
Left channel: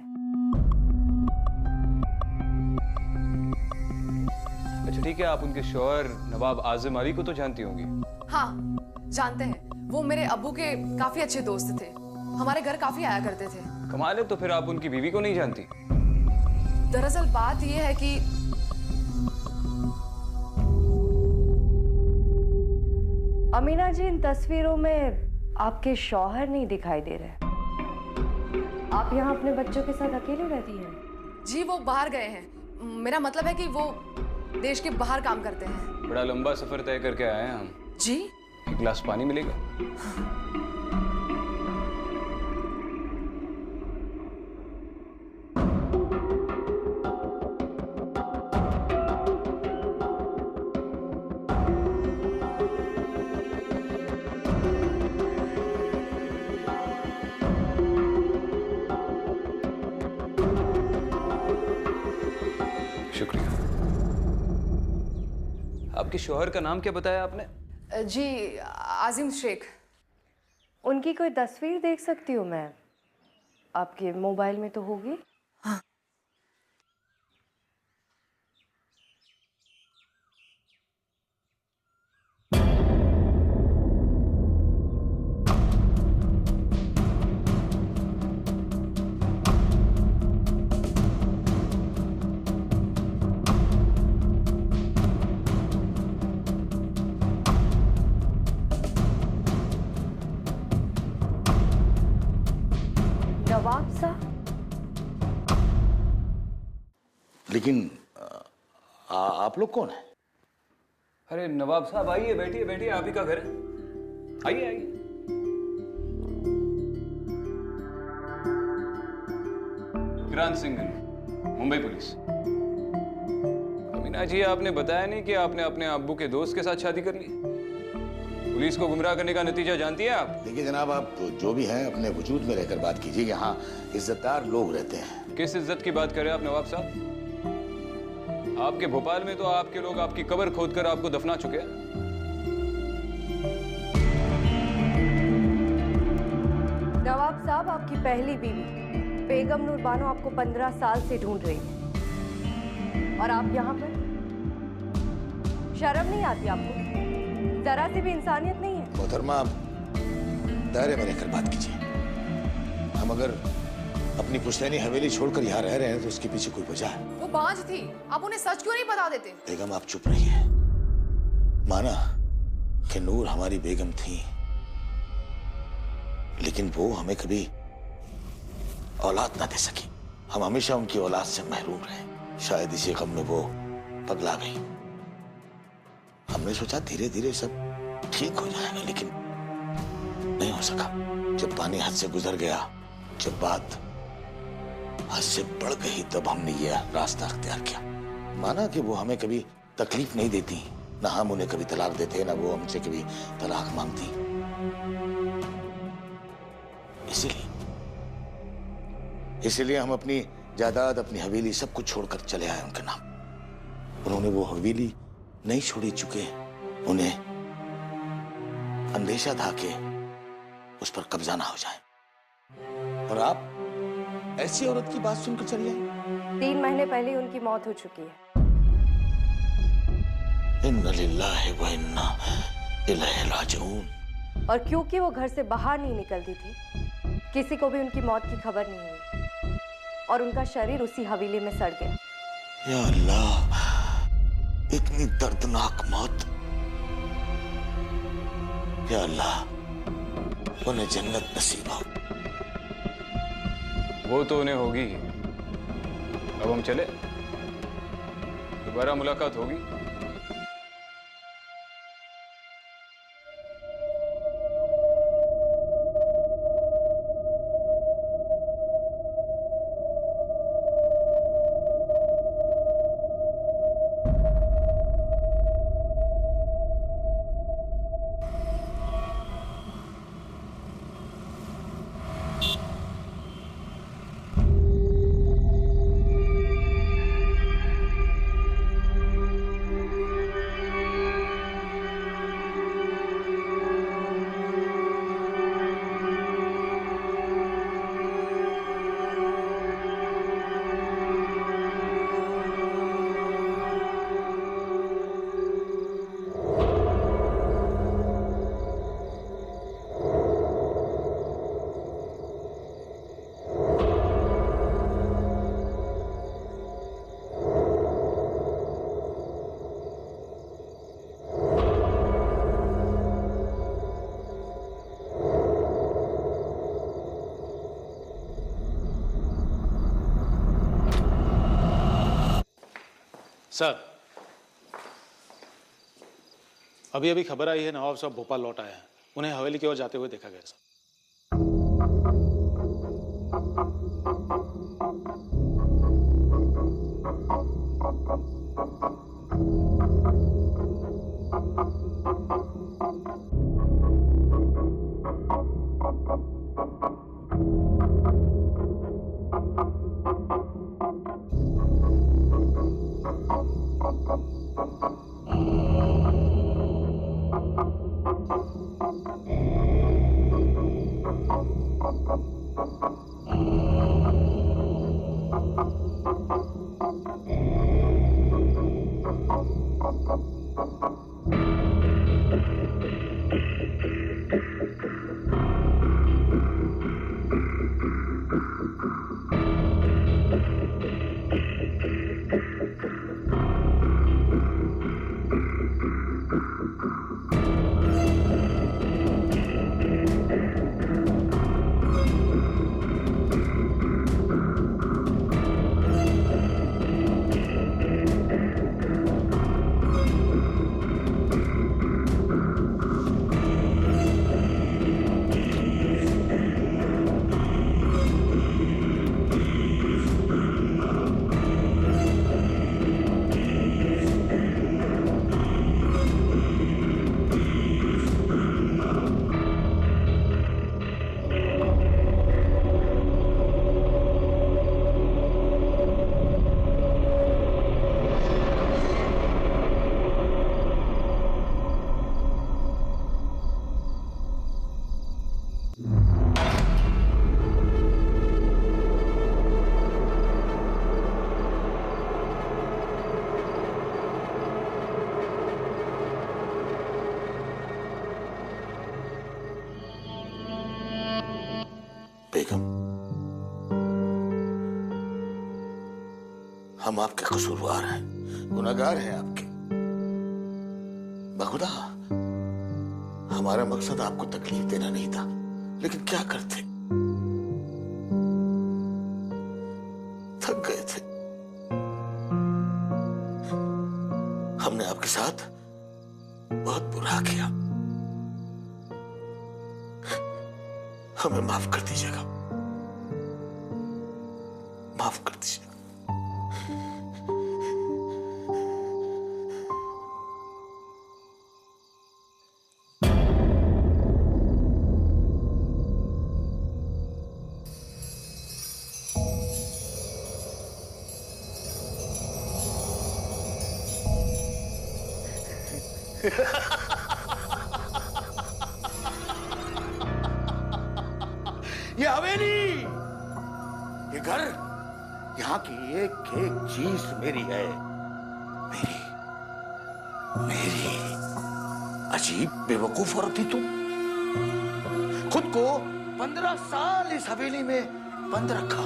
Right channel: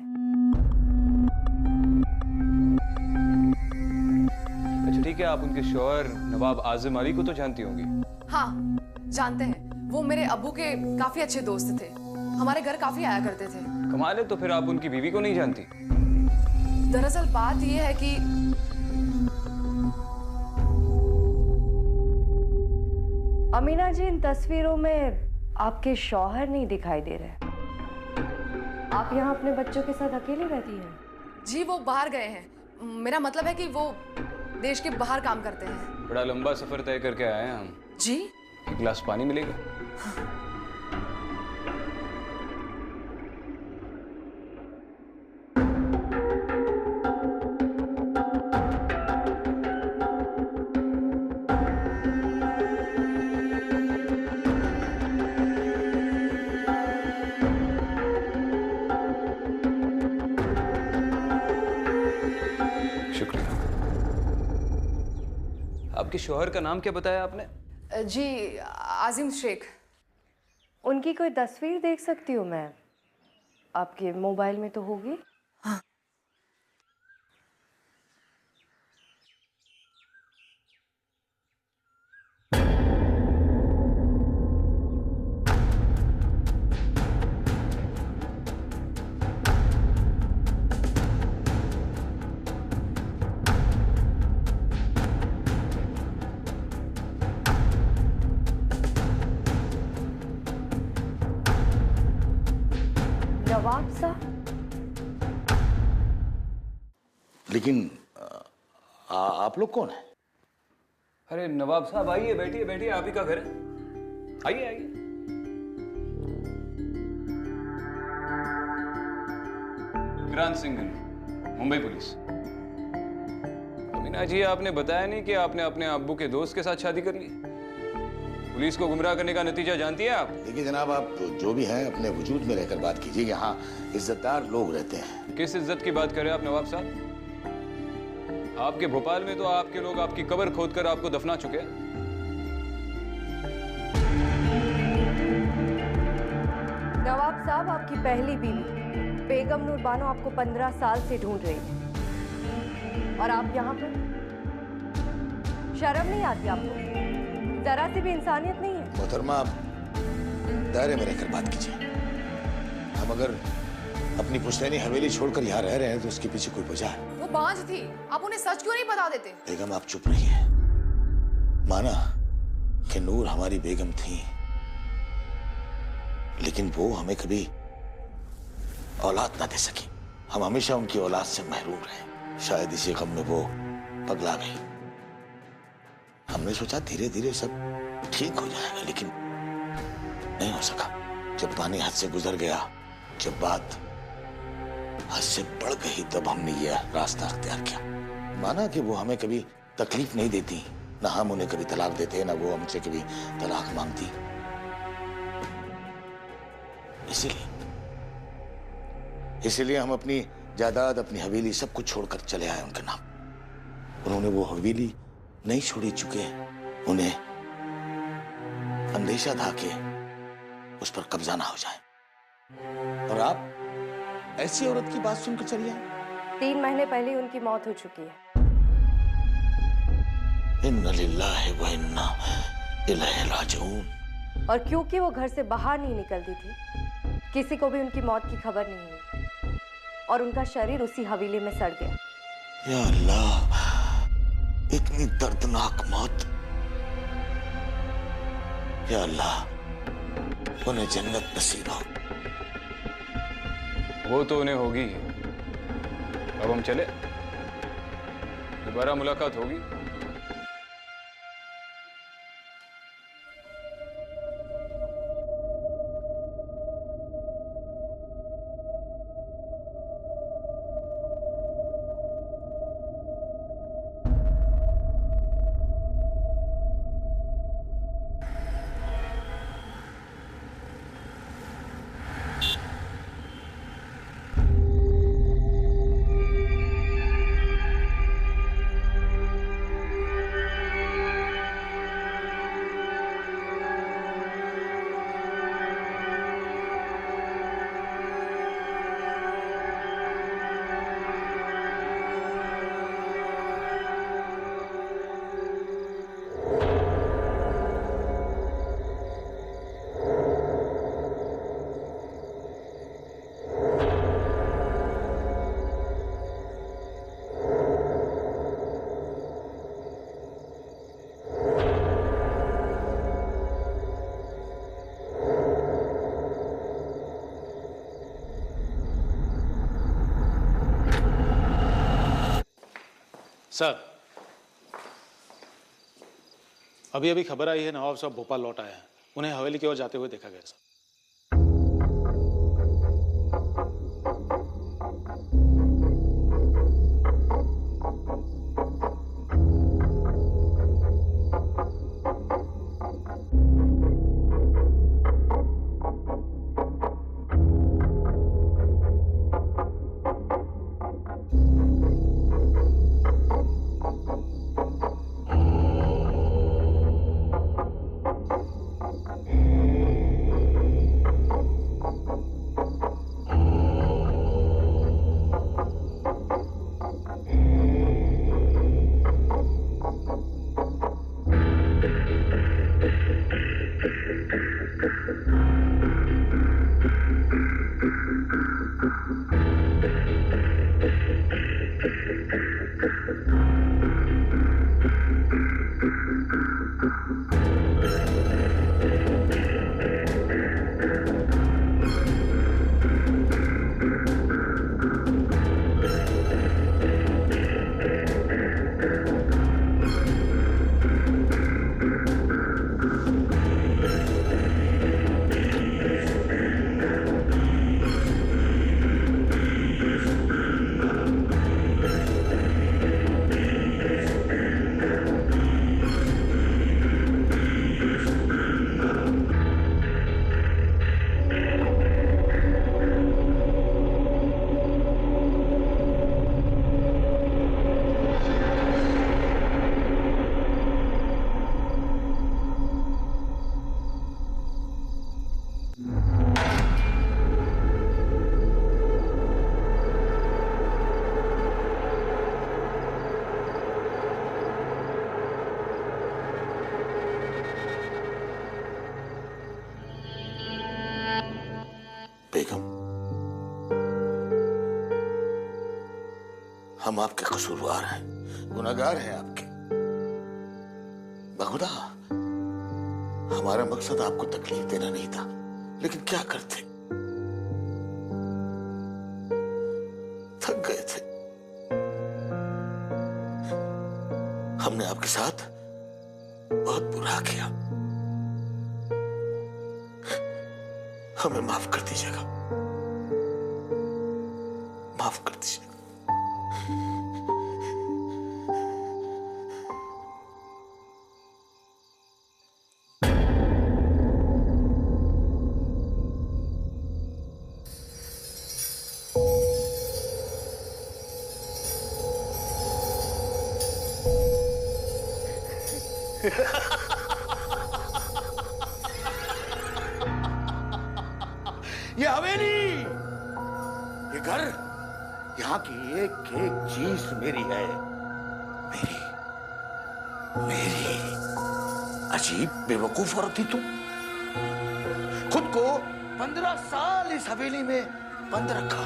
अच्छा ठीक है, आप उनके शौहर नवाब आजिम अली को तो जानती होंगी? हाँ जानते हैं, वो मेरे अब्बू के काफी अच्छे दोस्त थे, हमारे घर काफी आया करते थे। कमाल है, तो फिर आप उनकी बीवी को नहीं जानती? दरअसल बात यह है कि अमीना जी, इन तस्वीरों में आपके शौहर नहीं दिखाई दे रहे। आप यहाँ अपने बच्चों के साथ अकेले रहती हैं? जी वो बाहर गए हैं, मेरा मतलब है कि वो देश के बाहर काम करते हैं। बड़ा लंबा सफर तय करके आए हैं हम। जी? एक गिलास पानी मिलेगा? शुक्रिया। आपके शौहर का नाम क्या बताया आपने? जी आजिम शेख। उनकी कोई तस्वीर देख सकती हूँ मैं? आपके मोबाइल में तो होगी। हाँ। नवाब साहब? लेकिन आप लोग कौन हैं? अरे नवाब साहब आइए, बैठिए बैठिए, आप ही का घर है, आइए आइए। विक्रांत सिंह, मुंबई पुलिस। अमीना जी, आपने बताया नहीं कि आपने अपने अब्बू के दोस्त के साथ शादी कर ली। पुलिस को गुमराह करने का नतीजा जानती है आप? देखिए जनाब, आप जो भी हैं अपने वजूद में रहकर बात कीजिए। यहाँ इज्जतदार लोग रहते हैं। किस इज्जत की बात कर रहे हैं आप नवाब साहब? आपके भोपाल में तो आपके लोग आपकी कब्र खोदकर आपको दफना चुके हैं। नवाब साहब, आपकी पहली बीवी बेगम नूर बानो आपको 15 साल से ढूंढ रही है और आप यहाँ पर? शर्म नहीं आती आपको? जरा सी भी इंसानियत नहीं है? मोहतरमा, दायरे में रहकर बात कीजिए। हम अगर अपनी पुश्तैनी हवेली छोड़कर यहाँ रह रहे हैं तो उसके पीछे कोई वजह है। वो बांझ थी, आप उन्हें सच क्यों नहीं बता देते? बेगम आप चुप रहिए। माना कि नूर हमारी बेगम थी, लेकिन वो हमें कभी औलाद ना दे सकी। हम हमेशा उनकी औलाद से महरूम रहे। शायद इसी गम में वो पगला गई। हमने सोचा धीरे धीरे सब ठीक हो जाएगा, लेकिन नहीं हो सका। जब पानी हद से गुजर गया, जब बात हद से बढ़ गई, तब हमने ये रास्ता अख्तियार किया। माना कि वो हमें कभी तकलीफ नहीं देती, ना हम उन्हें कभी तलाक देते, ना वो हमसे कभी तलाक मांगती। इसीलिए हम अपनी जायदाद, अपनी हवेली सब कुछ छोड़कर चले आए उनके नाम। उन्होंने वो हवेली नहीं छोड़ी चुके, उन्हें अंदेशा था कि उस पर कब्जा ना हो जाए। और आप ऐसी औरत की बात सुनकर चली आई? 3 महीने पहले ही उनकी मौत हो चुकी है। इन्ना लिल्लाहि व इन्ना इलैहि राजिऊन। और क्योंकि वो घर से बाहर नहीं निकलती थी, किसी को भी उनकी मौत की खबर नहीं हुई और उनका शरीर उसी हवेली में सड़ गया। या अल्लाह, इतनी दर्दनाक मौत। या अल्लाह, उन्हें जन्नत नसीब हो। वो तो उन्हें होगी ही। अब हम चले, दोबारा मुलाकात होगी। सर, अभी अभी खबर आई है नवाब साहब भोपाल लौट आए हैं। उन्हें हवेली की ओर जाते हुए देखा गया सर। बेगम, हम आपके कसूरवार हैं, गुनहगार हैं आपके। बखुदा, हमारा मकसद आपको तकलीफ देना नहीं था, लेकिन क्या करते, थक गए थे। हमने आपके साथ बहुत बुरा किया, हमें माफ कर दीजिएगा, माफ कर दीजिएगा। ये हवेली, ये घर, यहाँ की एक एक चीज मेरी है, मेरी मेरी। अजीब बेवकूफ औरत थी तुम, खुद को 15 साल इस हवेली में बंद रखा।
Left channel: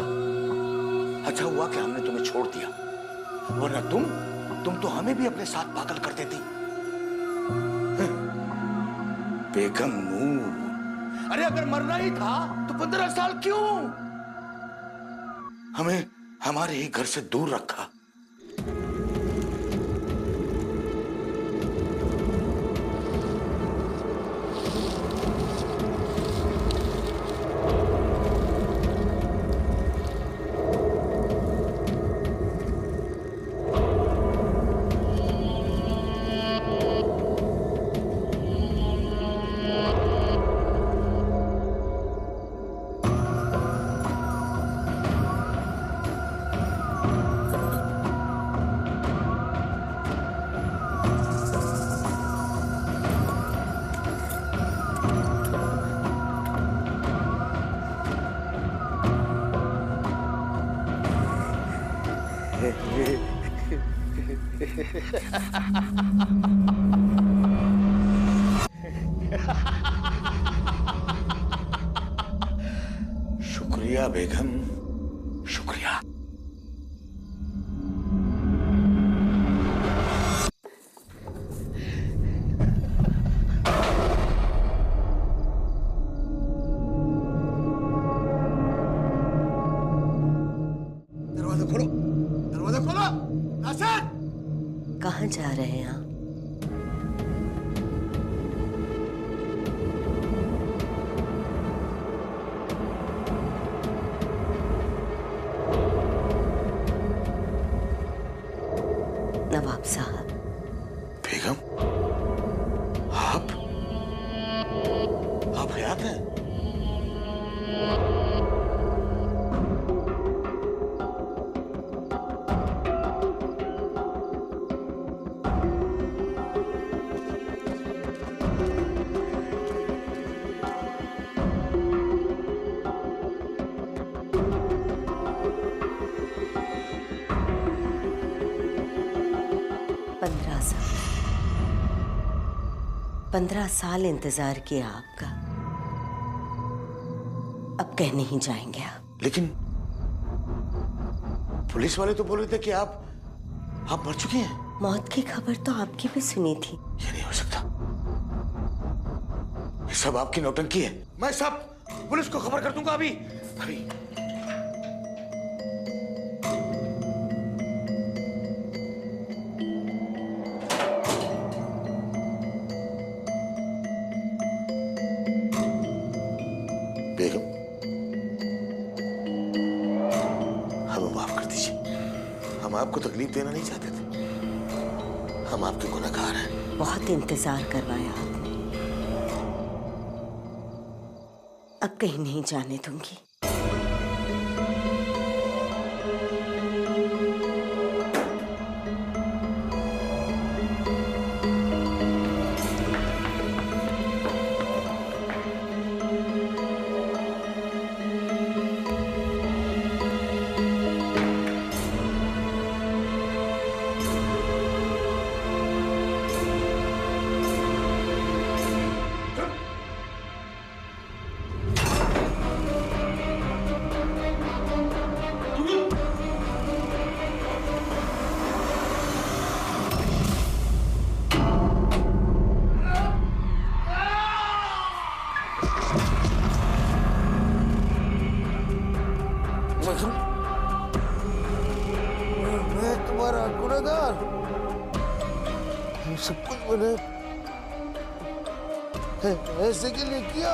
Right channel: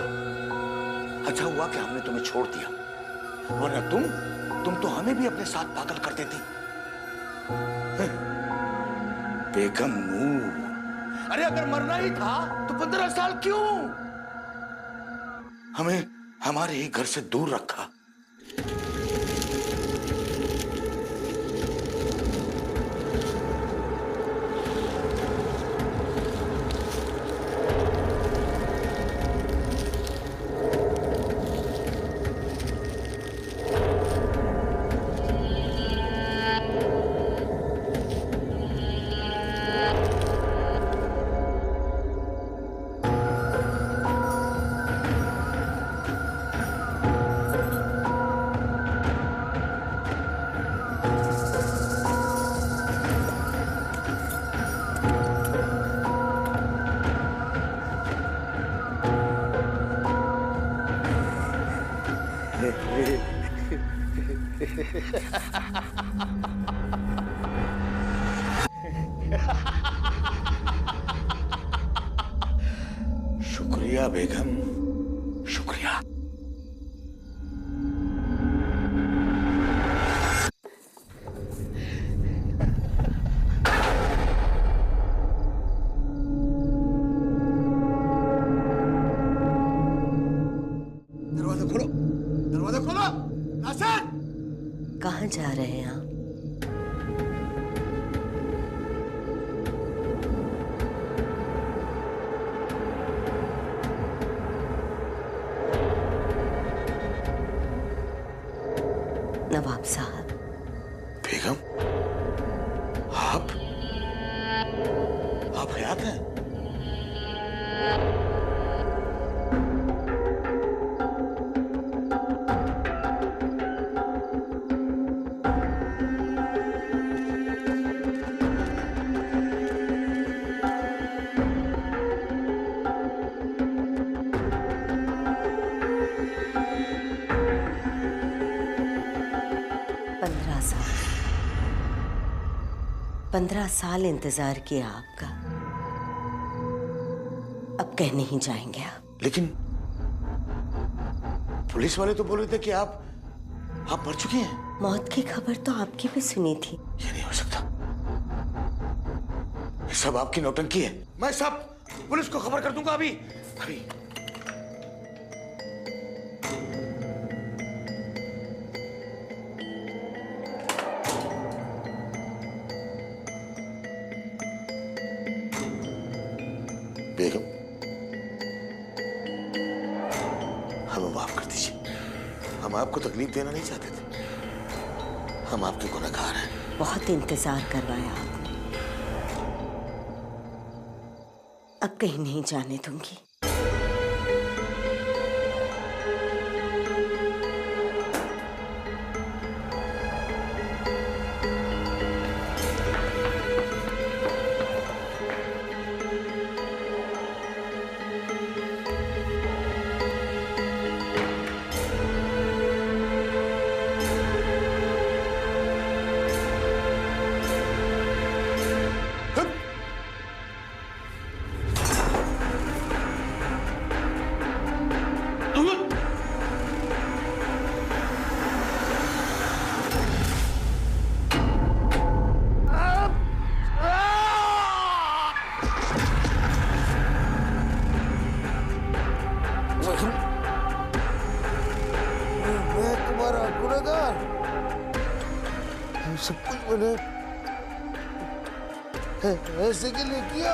अच्छा हुआ कि हमने तुम्हें छोड़ दिया, वरना तुम तो हमें भी अपने साथ पागल कर देती। बेगम नूर, अरे अगर मरना ही था तो 15 साल क्यों हमें हमारे ही घर से दूर रखा? शुक्रिया बेगम, शुक्रिया। दरवाजा खोलो, दरवाजा खोलो। नासिर, कहाँ जा रहे हैं आप? नवाब साहब। बेगम, आप हयात हैं? साल 15 साल इंतजार किया आपका, अब कह नहीं जाएंगे आप। लेकिन पुलिस वाले तो बोल रहे थे कि आप मर चुकी हैं। मौत की खबर तो आपकी भी सुनी थी। ये नहीं हो सकता, ये सब आपकी नौटंकी है। मैं सब पुलिस को खबर कर दूंगा अभी अभी। बेगम, हमें माफ कर दीजिए, हम आपको तकलीफ देना नहीं चाहते थे, हम आपके गुनहगार हैं। बहुत इंतजार करवाया आपने, अब कहीं नहीं जाने दूंगी। मैं तुम्हारा गुनहगार, सब कुछ मैंने ऐसे के लिए किया।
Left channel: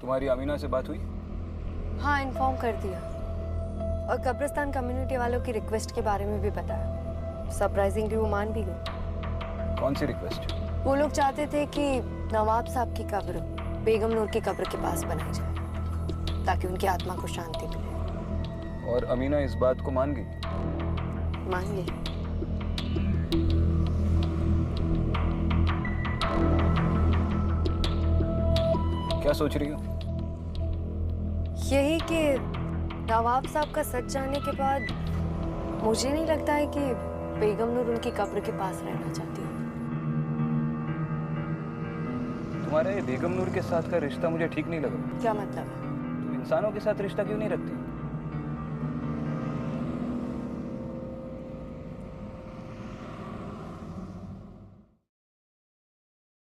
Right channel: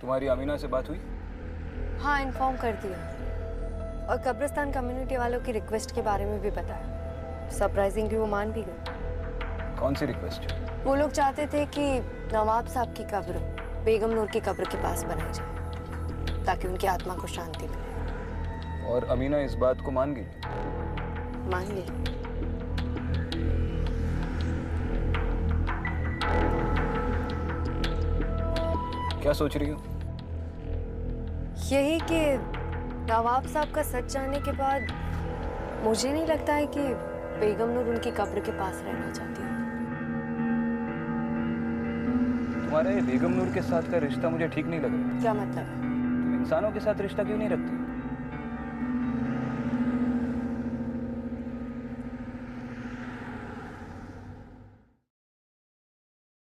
तुम्हारी अमीना से बात हुई? हाँ, इन्फॉर्म कर दिया और कब्रिस्तान कम्युनिटी वालों की रिक्वेस्ट के बारे में भी बताया। सरप्राइजिंगली वो मान भी गए। कौन सी रिक्वेस्ट? वो लोग चाहते थे कि नवाब साहब की कब्र बेगम नूर की कब्र के पास बनाई जाए ताकि उनकी आत्मा को शांति मिले। और अमीना इस बात को मान गई? मान गई। क्या सोच रही हो? यही कि नवाब साहब का सच जानने के बाद मुझे नहीं लगता है कि बेगम नूर उनकी कब्र के पास रहना चाहती है। तुम्हारा ये बेगम नूर के साथ का रिश्ता मुझे ठीक नहीं लग रहा। क्या मतलब है? तुम इंसानों के साथ रिश्ता क्यों नहीं रखती?